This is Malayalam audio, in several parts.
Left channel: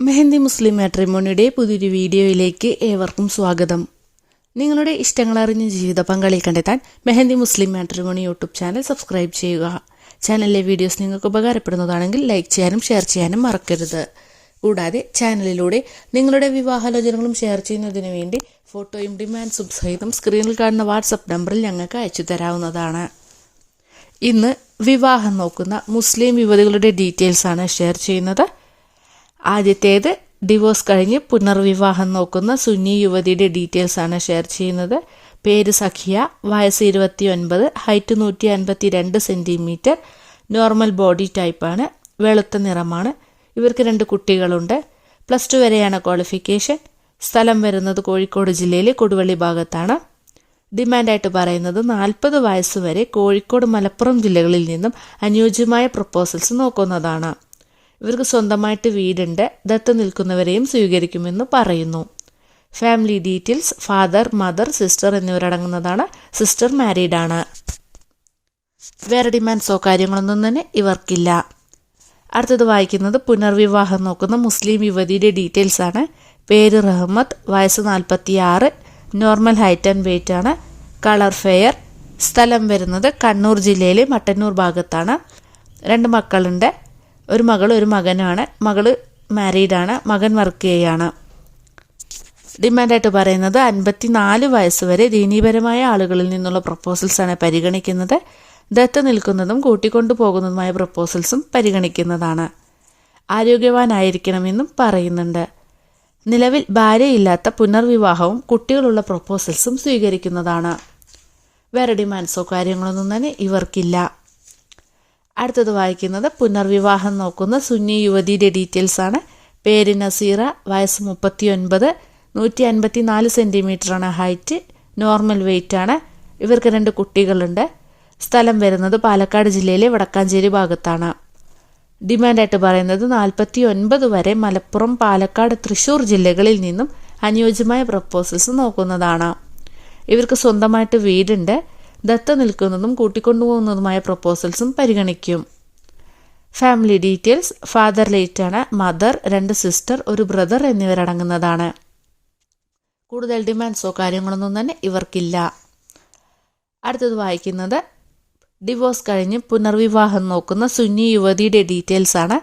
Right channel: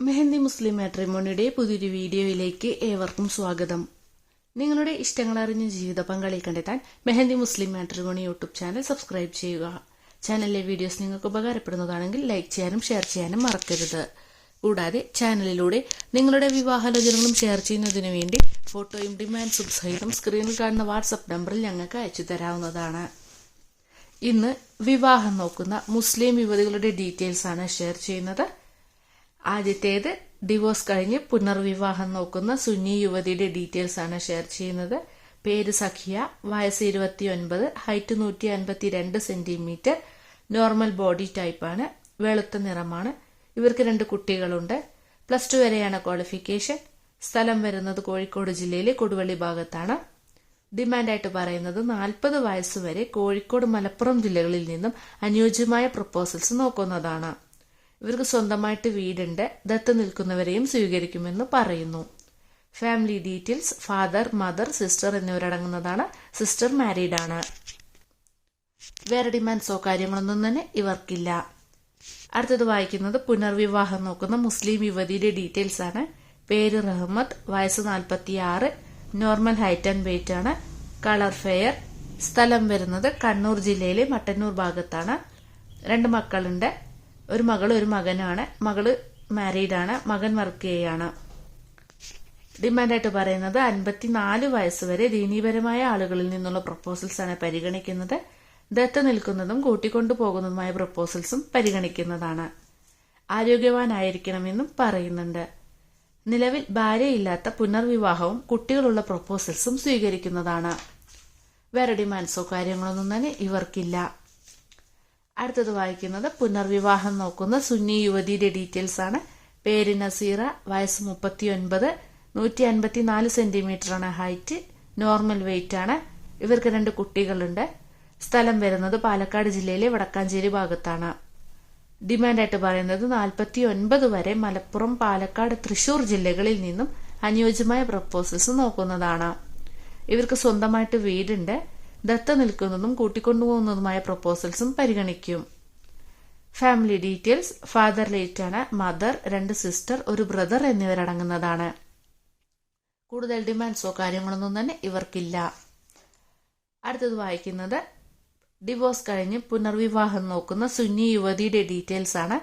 മെഹന്തി മുസ്ലിം മാട്രിമോണിയുടെ പുതിയൊരു വീഡിയോയിലേക്ക് ഏവർക്കും സ്വാഗതം. നിങ്ങളുടെ ഇഷ്ടങ്ങൾ അറിഞ്ഞ ജീവിത പങ്കാളി കണ്ടെത്താൻ Mehndi Muslim matrimony YouTube channel subscribe ചെയ്യുക. ചാനലിലെ വീഡിയോസ് നിങ്ങൾക്ക് ഉപകാരപ്പെടുന്നതാണെങ്കിൽ ലൈക്ക് ചെയ്യാനും ഷെയർ ചെയ്യാനും മറക്കരുത്. കൂടാതെ ചാനലിലൂടെ നിങ്ങളുടെ വിവാഹാലോചനകളും ഷെയർ ചെയ്യുന്നതിന് വേണ്ടി ഫോട്ടോയും ഡിമാൻഡ്സും സഹിതം സ്ക്രീനിൽ കാണുന്ന വാട്സപ്പ് നമ്പറിൽ ഞങ്ങൾക്ക് അയച്ചു തരാവുന്നതാണ്. ഇന്ന് വിവാഹം നോക്കുന്ന മുസ്ലിം യുവതികളുടെ ഡീറ്റെയിൽസ് ആണ് ഷെയർ ചെയ്യുന്നത്. ആദ്യത്തേത് ഡിവോഴ്സ് കഴിഞ്ഞ് പുനർവിവാഹം നോക്കുന്ന സുന്നി യുവതിയുടെ ഡീറ്റെയിൽസ് ആണ് ഷെയർ ചെയ്യുന്നത്. പേര് സഖിയ വയസ്സ് ഇരുപത്തി ഒൻപത് ഹൈറ്റ് നൂറ്റി അൻപത്തി രണ്ട് സെന്റിമീറ്റർ നോർമൽ ബോഡി ടൈപ്പാണ് വെളുത്ത നിറമാണ്. ഇവർക്ക് രണ്ട് കുട്ടികളുണ്ട്. പ്ലസ് ടു വരെയാണ് ക്വാളിഫിക്കേഷൻ സ്ഥലം വരുന്നത് കോഴിക്കോട് ജില്ലയിലെ കൊടുവള്ളി ഭാഗത്താണ്. ഡിമാൻഡായിട്ട് പറയുന്നത് നാൽപ്പത് വയസ്സ് വരെ കോഴിക്കോട് മലപ്പുറം ജില്ലകളിൽ നിന്നും അനുയോജ്യമായ പ്രപ്പോസൽസ് നോക്കുന്നതാണ്. ഇവർക്ക് സ്വന്തമായിട്ട് വീടുണ്ട്. ദത്ത് നിൽക്കുന്നവരെയും സ്വീകരിക്കുമെന്ന് പറയുന്നു. Family details father mother sister എന്നിവരടങ്ങുന്നതാണ് sister married ആണ്. വേറെ ഡിമാൻഡ്സോ കാര്യങ്ങളൊന്നും തന്നെ ഇവർക്കില്ല. അടുത്തത് വായിക്കുന്നത് പുനർവിവാഹം നോക്കുന്ന മുസ്ലിം യുവതിയുടെ ഡീറ്റെയിൽസ് ആണ്. പേര് റഹ്മത്ത് വയസ്സ് നാൽപ്പത്തി ആറ് നോർമൽ ഹൈറ്റ് ആൻഡ് വെയിറ്റ് ആണ്. കളർ ഫെയർ സ്ഥലം വരുന്നത് കണ്ണൂർ ജില്ലയിലെ മട്ടന്നൂർ ഭാഗത്താണ്. രണ്ട് മക്കളുണ്ട്. ഒരു മകൾ ഒരു മകനാണ്. മകൾ മാരീഡാണ് മകൻ വർക്ക് ചെയ്യാണ്. ഡിമാൻഡായിട്ട് പറയുന്നത് അൻപത്തി നാല് വയസ്സ് വരെ ദീനീപരമായ ആളുകളിൽ നിന്നുള്ള പ്രപ്പോസൽസാണ് പരിഗണിക്കുന്നത്. ദത്ത് നിൽക്കുന്നതും കൂട്ടിക്കൊണ്ടു പോകുന്നതുമായ പ്രപ്പോസൽസും പരിഗണിക്കുന്നതാണ്. ആരോഗ്യവാനായിരിക്കണമെന്നും പറയുന്നുണ്ട്. നിലവിൽ ഭാര്യയില്ലാത്ത പുനർവിവാഹവും കുട്ടികളുള്ള പ്രപ്പോസൽസും സ്വീകരിക്കുന്നതാണ്. വേറെ ഡിമാൻഡ്സോ കാര്യങ്ങളൊന്നും തന്നെ ഇവർക്കില്ല. അടുത്തത് വായിക്കുന്നത് പുനർവിവാഹം നോക്കുന്ന സുന്നി യുവതിയുടെ ഡീറ്റെയിൽസ് ആണ്. പേര് നസീറ വയസ്സ് മുപ്പത്തി ഒൻപത് നൂറ്റി അൻപത്തി നാല് സെന്റിമീറ്ററാണ് ഹൈറ്റ് നോർമൽ വെയിറ്റ് ആണ്. ഇവർക്ക് രണ്ട് കുട്ടികളുണ്ട്. സ്ഥലം വരുന്നത് പാലക്കാട് ജില്ലയിലെ വടക്കാഞ്ചേരി ഭാഗത്താണ്. ഡിമാൻഡായിട്ട് പറയുന്നത് നാൽപ്പത്തി ഒൻപത് വരെ മലപ്പുറം പാലക്കാട് തൃശൂർ ജില്ലകളിൽ നിന്നും അനുയോജ്യമായ പ്രപ്പോസൽസ് നോക്കുന്നതാണ്. ഇവർക്ക് സ്വന്തമായിട്ട് വീടുണ്ട്. ദത്ത നിൽക്കുന്നതും കൂട്ടിക്കൊണ്ടുപോകുന്നതുമായ പ്രപ്പോസൽസും പരിഗണിക്കും. ഫാമിലി ഡീറ്റെയിൽസ് ഫാദർ ലേറ്റാണ് മദർ രണ്ട് സിസ്റ്റർ ഒരു ബ്രദർ എന്നിവരടങ്ങുന്നതാണ് കൂടുതൽ ഡിമാൻഡ്സോ കാര്യങ്ങളൊന്നും തന്നെ ഇവർക്കില്ല. അടുത്തത് വായിക്കുന്നത് ഡിവോഴ്സ് കഴിഞ്ഞ് പുനർവിവാഹം നോക്കുന്ന സുന്നി യുവതിയുടെ ഡീറ്റെയിൽസ് ആണ്.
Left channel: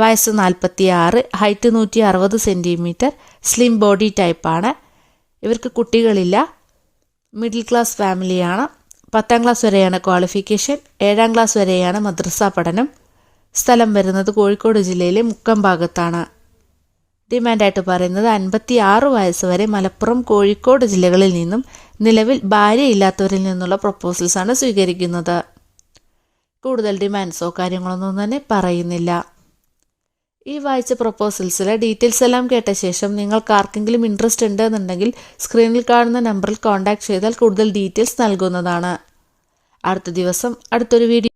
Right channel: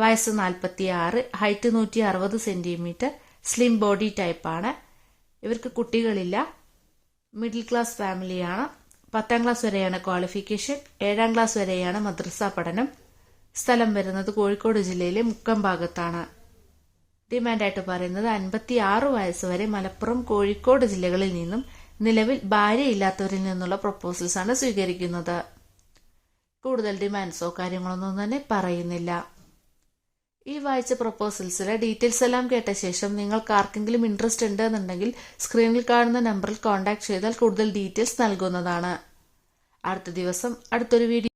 വയസ്സ് നാൽപ്പത്തി ആറ് ഹൈറ്റ് നൂറ്റി അറുപത് സെന്റിമീറ്റർ സ്ലിം ബോഡി ടൈപ്പാണ് ഇവർക്ക് കുട്ടികളില്ല. മിഡിൽ ക്ലാസ് ഫാമിലിയാണ് പത്താം ക്ലാസ് വരെയാണ് ക്വാളിഫിക്കേഷൻ ഏഴാം ക്ലാസ് വരെയാണ് മദ്രസ പഠനം. സ്ഥലം വരുന്നത് കോഴിക്കോട് ജില്ലയിലെ മുക്കം ഭാഗത്താണ്. ഡിമാൻഡായിട്ട് പറയുന്നത് അൻപത്തി ആറ് വയസ്സ് വരെ മലപ്പുറം കോഴിക്കോട് ജില്ലകളിൽ നിന്നും നിലവിൽ ഭാര്യയില്ലാത്തവരിൽ നിന്നുള്ള പ്രപ്പോസൽസാണ് സ്വീകരിക്കുന്നത്. കൂടുതൽ ഡിമാൻഡ്സോ കാര്യങ്ങളൊന്നും തന്നെ പറയുന്നില്ല. ഈ വായിച്ച പ്രപ്പോസൽസിലെ ഡീറ്റെയിൽസ് എല്ലാം കേട്ട ശേഷം നിങ്ങൾക്ക് ആർക്കെങ്കിലും ഇൻട്രസ്റ്റ് ഉണ്ട് എന്നുണ്ടെങ്കിൽ സ്ക്രീനിൽ കാണുന്ന നമ്പറിൽ കോൺടാക്ട് ചെയ്താൽ കൂടുതൽ ഡീറ്റെയിൽസ് നൽകുന്നതാണ്. അടുത്ത ദിവസം അടുത്തൊരു വീഡിയോ